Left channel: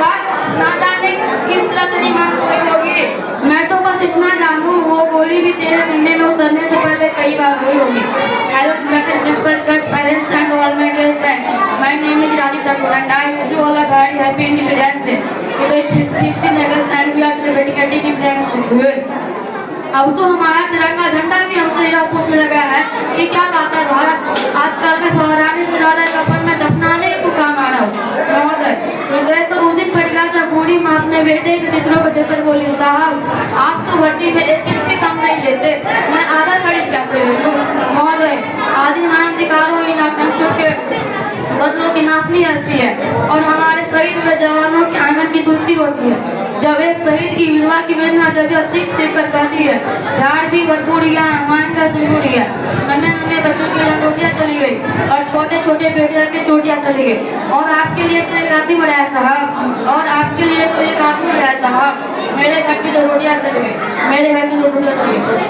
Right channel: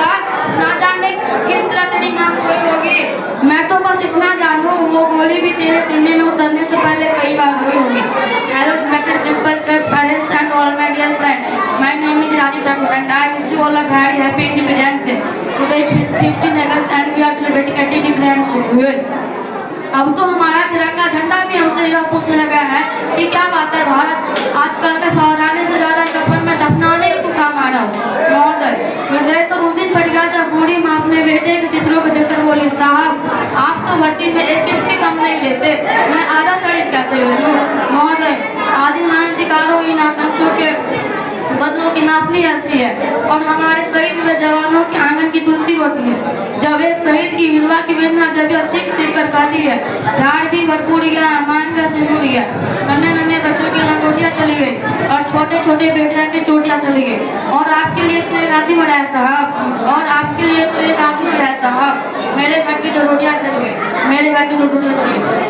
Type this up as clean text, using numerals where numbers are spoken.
बाद ना जाने किस तरह की दिमाग सोई होगी। मैं तो बस इतना जानू वो गोली भी तेरे सीने में उतरने से पहले कई बार हुई होगी। Hello respected principal, parents and all my dear friends, my name is Rajeev Thakur and I wish you all a very happy Independence Day. Today is 15 August and we are celebrating Independence Day. अब तो हमारा तिरंगा झंडा भी हमसे यह पूछने लगा है कि क्या बात है भारत आजकल में फहराने से ज्यादा कफन में दफनाने ही तो काम आ रहा हो। महोदय, हृदय तो उस दिन फट गया था बूढ़ी माँ अपने बेटे के चित्रों को देखकर बोली, साहब आप तो भट्टी में एक इंच भी कम नहीं लेते, मैं आधा खरीद कैसे लूँ। महोदय, आदि मानवाधिकारों इन आतंकों के बदलों की नापनी हस्ती है और हमारे शहीद हुए जवानों के आंगन की तुलसी होती है। जब एक शहीद की विधवा की वेदना जब यह चीख चीख कर पाती है, झाड़ भी भरपूर गया, मान का सिंदूर गया, नन्हे नन्हे बच्चों की लंगोटियां चली गई और छोटे छोटे बेटियों की चोटियां चली गई। और आपके लिए तो एक आदमी मरा है साहब, और आपके लिए तो एक आदमी मरा है साहब। मेरे घर की जो रोटियां चली गई, मेरे घर की जो रोटियां चली गई।